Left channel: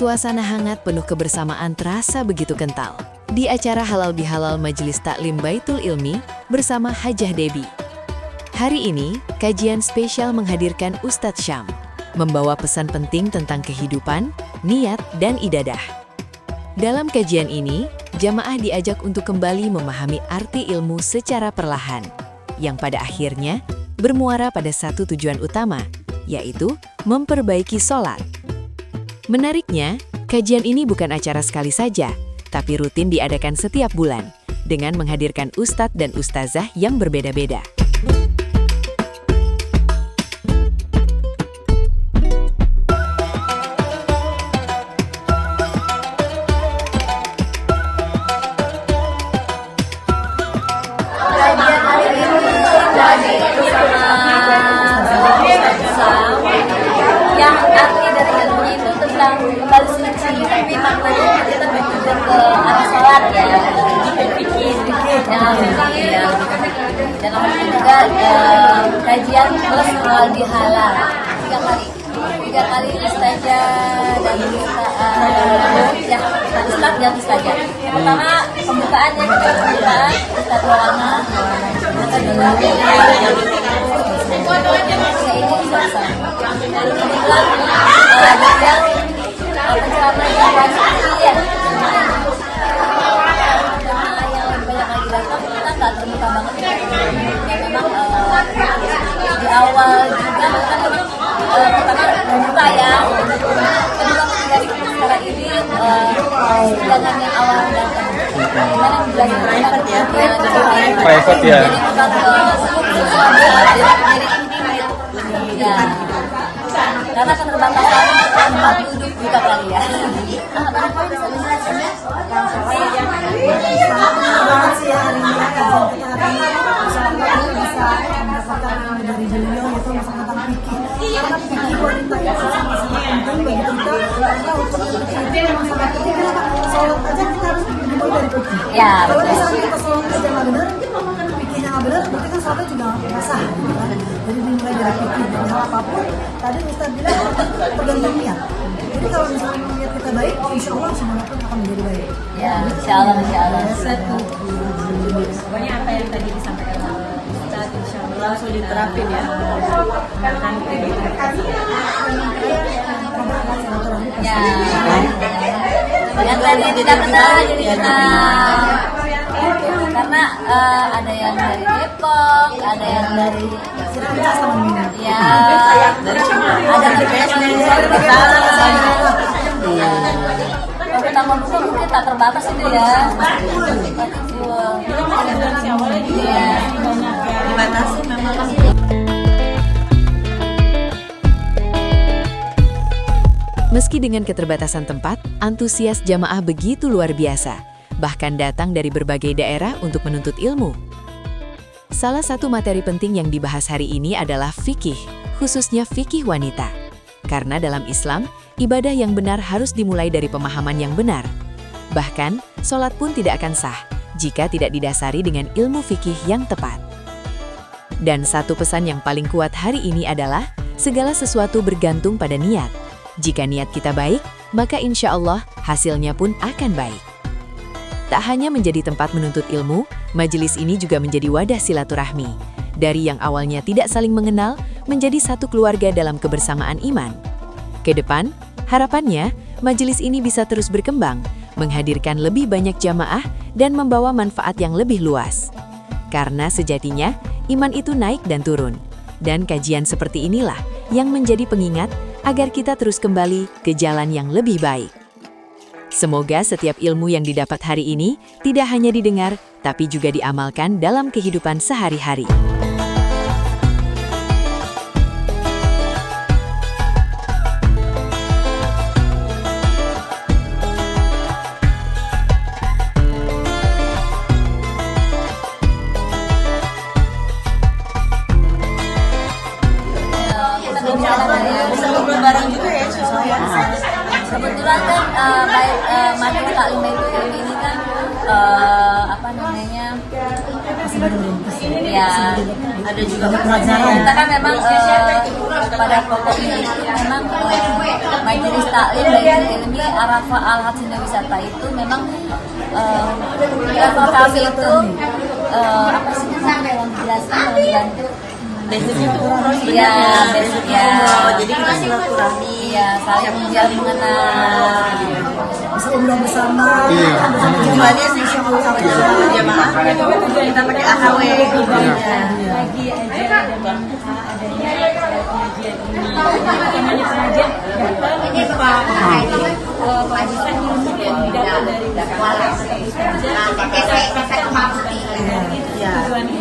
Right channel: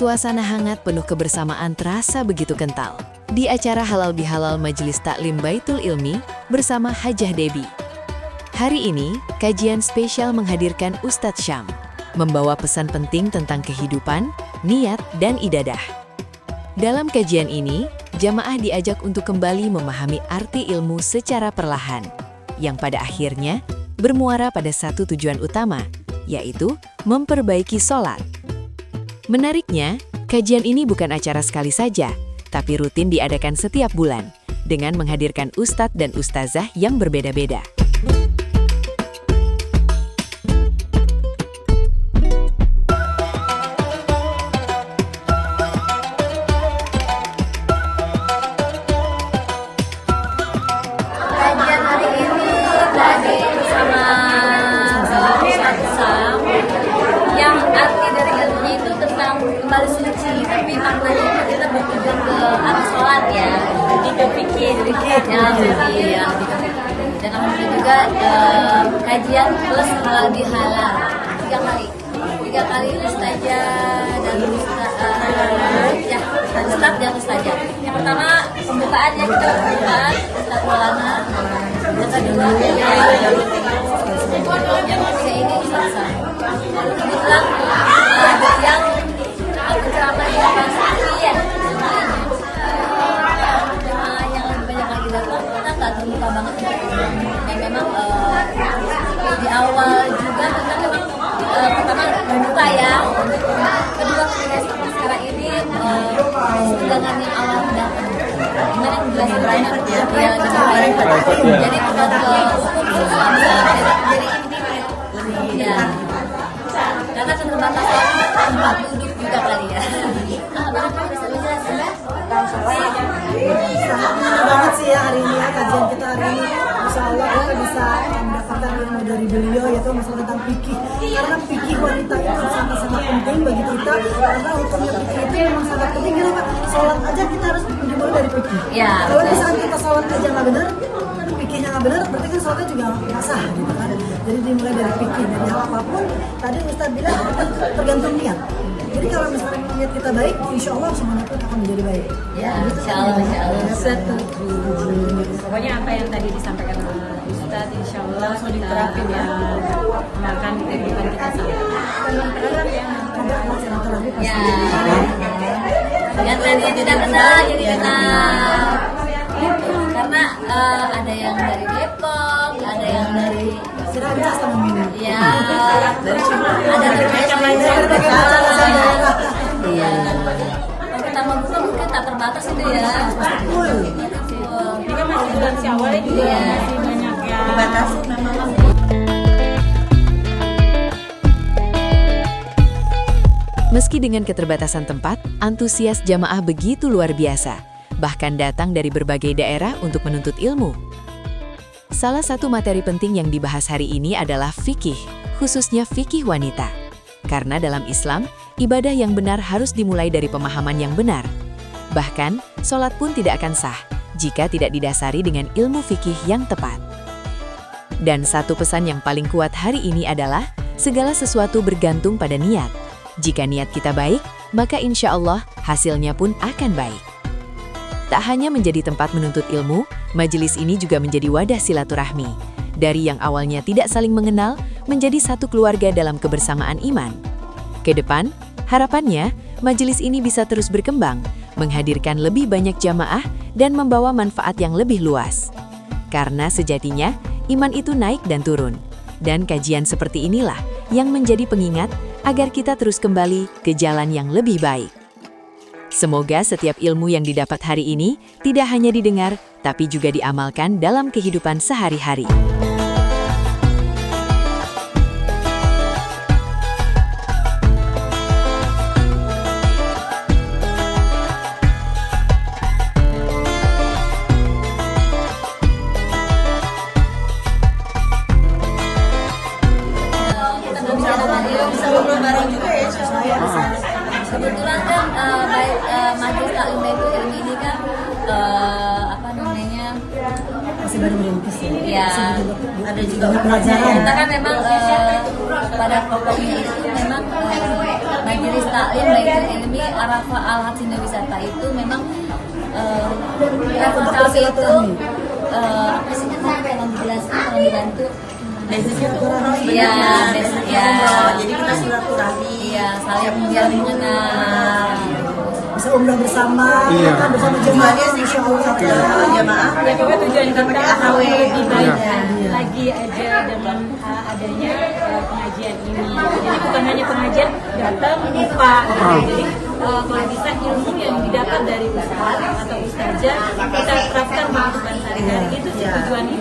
Suasana hangat penuh kebersamaan terasa begitu kental. Di acara Halal Bihalal Majelis Taklim Baitul Ilmi bersama Hajah Debi. Hari ini, kajian spesial menghadirkan Ustadz Syam, membawa pesan penting tentang kehidupan, niat, dan ibadah. Dalam kajian ini, jamaah diajak untuk kembali memahami arti ilmu secara perlahan, yang pada akhirnya bermuara pada satu tujuan utama, yaitu memperbaiki sholat. Menariknya, kajian ini bukan acara sekali saja, tapi rutin diadakan setiap bulan, dengan menghadirkan ustadz dan ustazah yang berbeda-beda. Kajian hari ini jadi bersama yang arti dari ilmu itu tentang kembali mencintai tentang kita berpikir ke arah sholat ya, kita pikir ya, dan kemudian juga kajian plus halal bihalal tiga kali saja dari Ustadz dan Ustazah. Yang pertama pembukaannya kita ulama, yang kedua di awal juga pertama membuka ya, kedua dari acara ini dengan yang awal dan gimana menjelaskan ya, karena keterbatasan tempat duduk juga kali ya. Sangat banget sih ya hari ini ya, kajian kita hari ini. Insya Allah kita bisa mendapatkan ilmu dari beliau, yaitu masalah tentang fikih. Karena fikih wanita itu sangat penting bagi kita, karena hukumnya fikih itu memang sangat penting. Kenapa? Sholat aja kita harus dimulai dari fikih. Ya, kalau misalnya kita sholat aja nggak benar, fikihnya nggak benar, berarti kan sholatnya juga nggak sah, gitu kan? Jadi dimulai dari fikih. Dan hal apapun, tadi Ustaz bilang tergantung niat. Jadi kalau misalnya niat kita baik, insya Allah semuanya pun akan menjadi baik. Ya, insya Allah. Pokoknya apa yang tadi disampaikan oleh Ustadz, insya Allah langsung diterapin ya, bahkan kehidupan kita. Ya, yang tadi kita kenal, jadi kenal. Karena ada yang dari Depok, ada yang dari ya, ada dari tambah besar mungkin tak terbatas itu ya. Meski dengan keterbatasan tempat, antusias jamaah begitu luar biasa, bahkan datang dari berbagai daerah untuk menuntut ilmu. Salah satu materi penting yang dibahas hari ini adalah fikih, khususnya fikih wanita. Karena dalam Islam, ibadah yang benar harus dimulai dari pemahaman yang benar. Bahkan, sholat pun tidak akan sah jika tidak didasari dengan ilmu fikih yang tepat. Dan satu pesan yang paling kuat hari ini adalah, segala sesuatu bergantung pada niat. Jika niat kita baik, maka insya Allah hasilnya pun akan baik. Tak hanya menjadi tempat menuntut ilmu, majelis ini juga menjadi wadah silaturahmi. Dari yang awalnya tidak saling mengenal, menjadi satu keluarga dalam kebersamaan iman. Ke depan, harapannya, majelis ini bisa terus berkembang, menghadirkan lebih banyak jamaah, dan membawa manfaat yang lebih luas. Karena sejatinya, iman itu naik dan turun. Dan kajian seperti inilah yang menjadi pengingat agar kita terus kembali ke jalan yang lebih baik. Semoga setiap ilmu yang didapat hari ini tidak hanya didengar, tapi juga diamalkan dalam kehidupan sehari-hari. Kebetulan kan Majelis Taklim Baitul Ilmi ini kan apa namanya masih baru merintis ya. Ada juga pelajaran. Kita kan memang pada pokoknya itu memang Majelis Taklim Baitul Ilmi Arafah Al Haj Wisata itu memang level kami itu apa sih namanya yang menjelaskan yang dibantu. Iya, ya. Jadi kita silaturahmi, ya, saling menjalin mengenal. Bisa umroh bersama, Iya. bersama jamaahnya, masya Allah. jamaah ya juga tujuan kita AHW lebih baik Iya. lagi aja dengan adanya pengajian ini. Jadi utamanya pengajian datang lupa. Jadi kalau bisa ilmu yang didapat dari ustaz atau ustazah kita terapkan melakukan sehari-hari. Itu tujuan ini.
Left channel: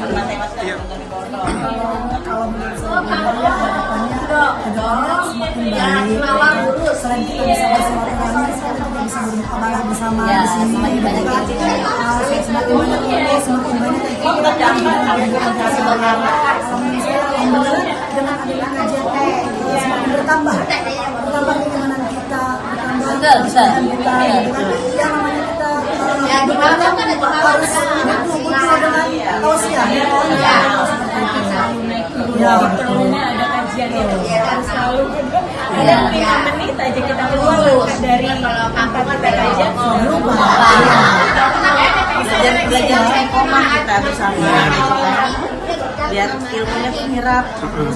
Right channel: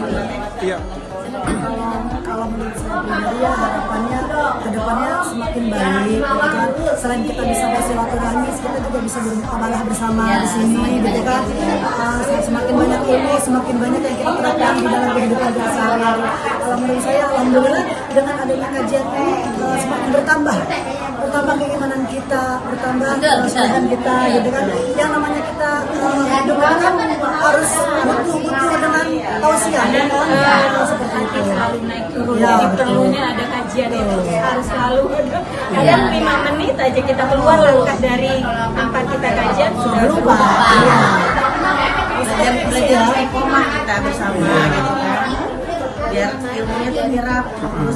Kalau menurut saya pribadi ya harapannya kedepannya semakin baik. Selain kita bisa bersilaturahmi, kita juga bisa beramal bersama di sini. Gitu kan? Semakin banyak ilmu, semakin banyak yang kita terapkan di dalam kehidupan kita sehari-hari. Kalau menurut saya, alhamdulillah dengan adanya kajian semakin bertambah keimanan kita, bertambah kesabaran kita, gitu kan? Yang namanya kita hidup kan harus betul-betul dengan tausiah, ya kan? Seperti itu. Ya, perlunya ada kajian itu harus selalu ada 5 menit aja kita keluar dari tempat kita kajian sudah berubah. Dan belajar istiqomah kita bersama gitu kan. Biar ilmunya menyerap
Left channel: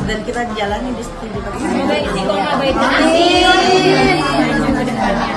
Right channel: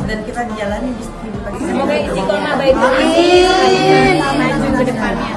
dan kita jalani di situ. Semoga istiqomah baik-baik ke depannya.